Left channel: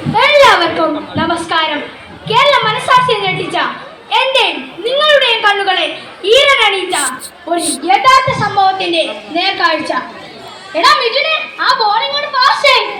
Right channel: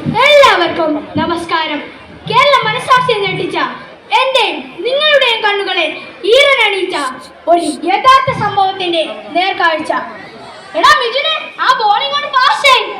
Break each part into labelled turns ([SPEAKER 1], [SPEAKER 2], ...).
[SPEAKER 1] എല്ലാവർക്കും നമസ്കാരം. കേരള മനസാക്ഷി ഞെട്ടിച്ച എന്റെയും നിങ്ങളുടെയും കണ്ണുകളെ ഈരനണിയിച്ച ഒരു യഥാർത്ഥ സംഭവത്തിന്റെ നേർക്കാഴ്ച. എടാ മിഥുനെ ആ ബോളിംഗ് കൊണ്ട് പാസ് അല്ലേ?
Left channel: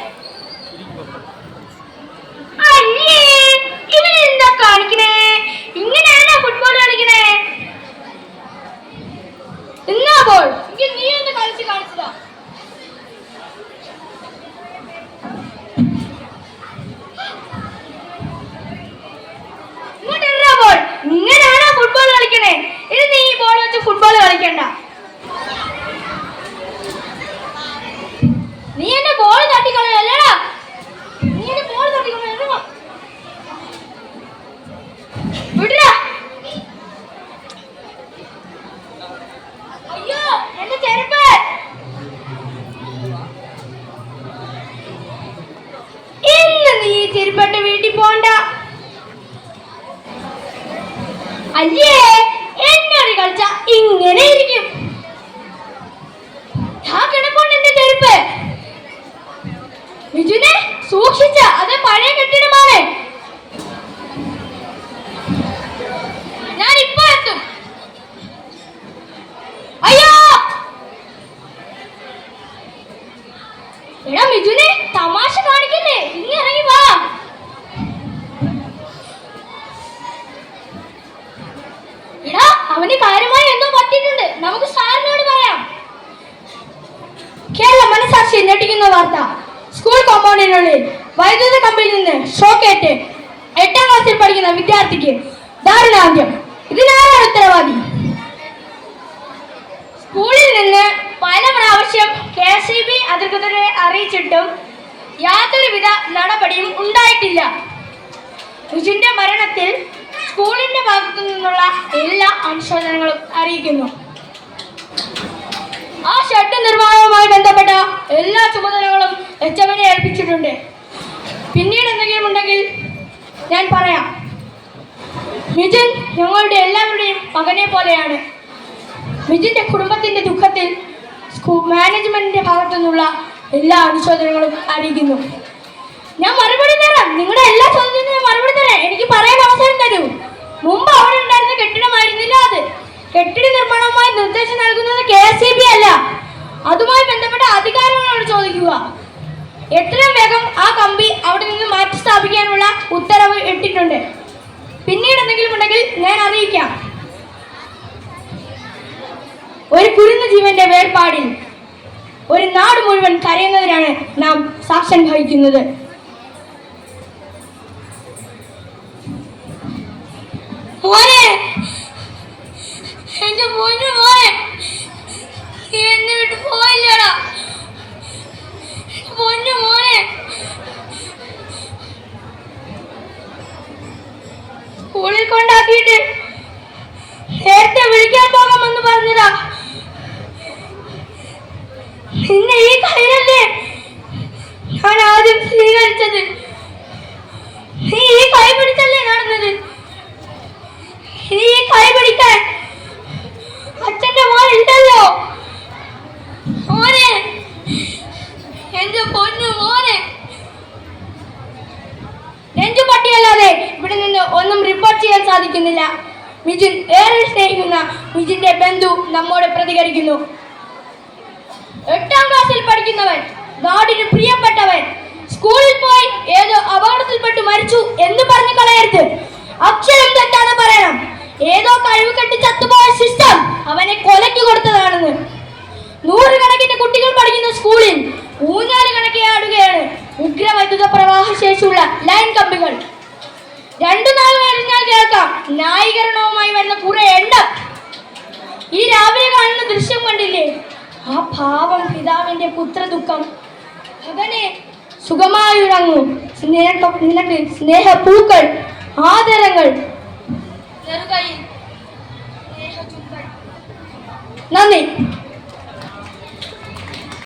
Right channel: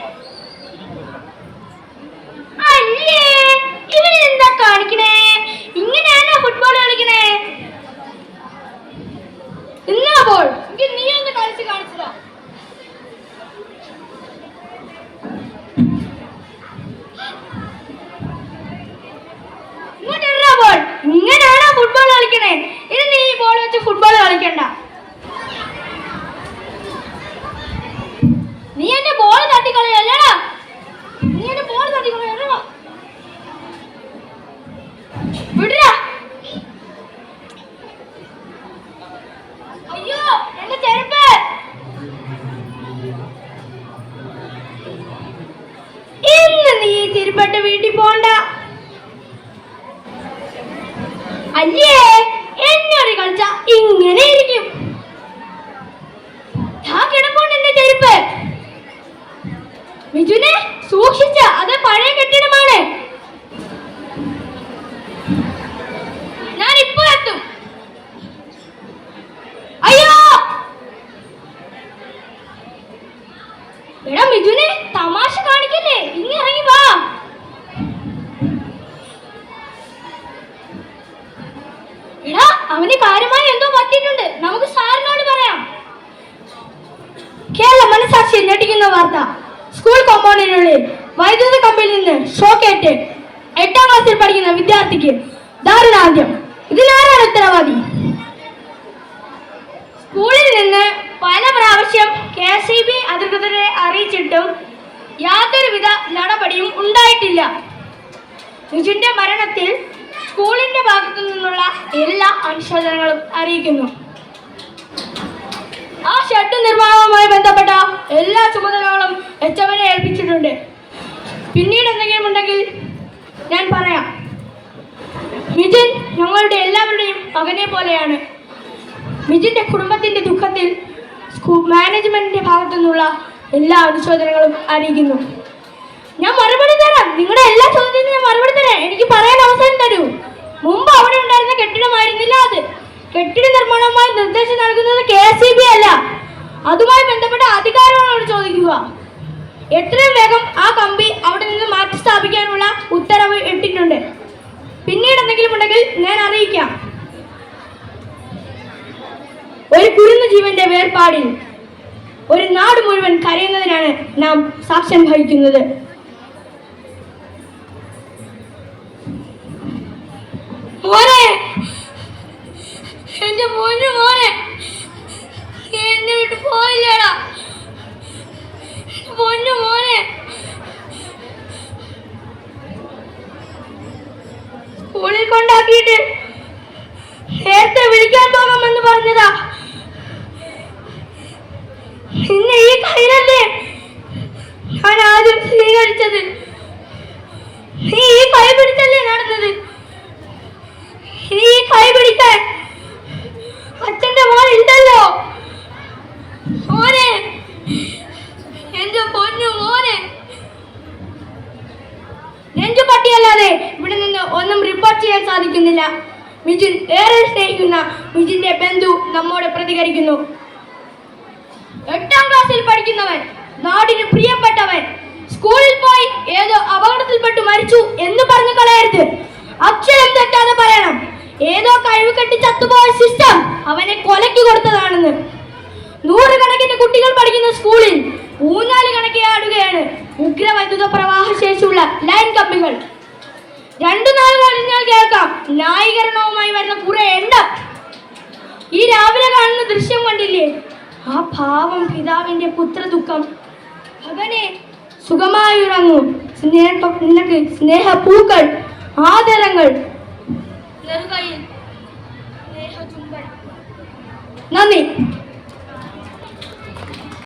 [SPEAKER 1] ചെരുപ്പട്ട് വീട്ടിൽ പോണ്ട. അല്ലേ? എന്നോട് കളിച്ച? ഇങ്ങനെ ഇരിക്കും. ചെരുപ്പ്. മിഥുനെ സൂക്ഷിച്ച. അത് പഴയ കെട്ടിടമാണ് ഞാൻ ഇപ്പൊ എത്തും. അയ്യോ! എടാ മിഥുനെ അവന് കാര്യമായി എന്തോ പറ്റിയിട്ടുണ്ട്. നമുക്ക് സാറിനോട് പറയാം. കേരള മനസാക്ഷി ഞെട്ടിക്കുന്ന വാർത്ത. സ്കൂൾ കോമ്പൗണ്ടിനുള്ളിൽ വൈദ്യുത കമ്പിയിൽ നിന്ന് ഷോക്കേറ്റ് എട്ടാം ക്ലാസ്സിൽ പഠിക്കുന്ന വിദ്യാർത്ഥിക്ക് ദാരുണാന്ത്യം ഇതിനാരാണ് ഉത്തരവാദി? സ്കൂളിൽ നിന്ന് പല പ്രാവശ്യം കെ സി ബി അധികൃതരെ അറിയിച്ചിട്ടും യാതൊരുവിധ നടപടിയും ഉണ്ടായിട്ടില്ല. രുചിന്റെ മരണത്തിൽ സ്കൂളിന്റെ ഭാഗത്തു നിന്നുള്ള എല്ലാ അനുശോചനങ്ങളും അറിയിക്കുന്നു. ആ ഷെഡ് നിർമ്മാണവുമായി ബന്ധപ്പെട്ട എല്ലാ ചുമതലകളും എച്ച് ഏൽപ്പിച്ചിട്ടുണ്ട്. പിന്നീട് എന്തെങ്കിലും ഉണ്ടെങ്കിൽ ഞാൻ പറയാം. മിഥുൻ ഞങ്ങളുടെ എല്ലാവരുടെയും മകനെ പോലെയാണ്. മിഥുന്റെ കുടുംബത്തിന്റെ ദുഃഖത്തിൽ സ്കൂൾ മാനേജ്മെന്റിന്റെ ഭാഗത്തു നിന്നുള്ള എല്ലാ അനുശോചനങ്ങളും അറിയിക്കുന്നു. ഞാൻ മറുപടി തരാം. നിങ്ങളുടെ എല്ലാ ചോദ്യത്തിനും ഞാൻ മറുപടി തരാം. എനിക്ക് പറയാൻ അവസരം തരൂ. കെട്ടിട നിർമ്മാണവുമായി നിർദ്ദേശം നൽകുന്നത് കെ എസ് ഇ ബി അല്ല. അതുമായി ബന്ധപ്പെട്ട അധികാരങ്ങളോട് ചോദിക്കുക. എത്രയും വേഗം ആ കമ്പി അവിടെ നിന്ന് മാറ്റി സ്ഥാപിക്കാനുള്ള ഉത്തരവ് ഇട്ടിട്ടുണ്ട്. പിന്നീട് എന്തെങ്കിലും ഉണ്ടെങ്കിൽ ഞാൻ അറിയിക്കാം. ഒരു കുരുന്ന ജീവന്റെ വേർപാടിൽ ഒരു നാട് മുഴുവൻ കരയുന്നതിനാണ് നാം സാക്ഷ്യം വഹിക്കുന്നത്. എന്റെ മോനെ എന്നെ വിട്ട് പോയില്ലടാ. പൊന്നു മോനെ. സ്കൂളിൽ കൊണ്ടാക്കിയിട്ട് നേരത്തെ വിളിക്കാൻ പോകാമെന്ന് പറഞ്ഞതാ. ഇന്ന് ഈ കയ്യിലല്ലേ ഞാൻ ആദ്യം സ്വീകരിച്ചത് നീ ഈ കൈ പിടിച്ചല്ലേ നടന്നത് ഇനി ഈ കൈ പിടിക്കാൻ അച്ഛന്റെ മോൻ ഉണ്ടല്ലോ മോനെ. എന്റെ പൊന്നു മോനെ. രഞ്ജു പട്ടിയല്ലാതെ ഇവിടെ നിന്ന് ഒന്നും റിപ്പോർട്ട് ചെയ്യാൻ സാധിക്കുന്നില്ല. മിഥുൻ ഏറെ സ്നേഹിക്കുന്ന മിഥുന്റെ ബന്ധു നമ്മോട് പ്രതികരിക്കുന്നു. എട്ടാം ക്ലാസ്സിൽ പഠിക്കുന്നവൻ നാടിന് പ്രിയപ്പെട്ടവൻ സ്കൂളിൽ പോയി ഏതോ അപകടത്തിൽപ്പെട്ട് മരിച്ചു എന്ന് പറഞ്ഞു കളയരുത്. അക്ഷരം തെറ്റാതെ പറയണം. ഏതോ കഴിവ് കെട്ടി ചത്തുപോയ സിസ്റ്റം അവനെ കൊലയ്ക്ക് കൊടുത്തതാണെന്ന്. പഠിക്കുന്ന സ്കൂളിൽ. ഊഞ്ഞാൽ കണക്കെ ആടുകയാണ് ഉഗ്രവൈദ്യുത പ്രവാഹ ശേഷിയുള്ള ലൈൻ കമ്പികൾ. രണ്ടു നാൾ കഴിഞ്ഞാൽ കേൾക്കാം. ന്യായീകരണവുമായി വരുന്ന കുറെ എണ്ണം ഈ രാവിലെ കാണുന്ന ദൃശ്യം കണ്ടില്ലേ? ആ ഭാവം പിതാവിന്റെ പുത്രദുഃഖം. മകനെ സുഖമായുറങ്ങും സ്നേഹ നിനക്ക് സ്നേഹപൂക്കൾ ആദരങ്ങൾ. നന്ദി.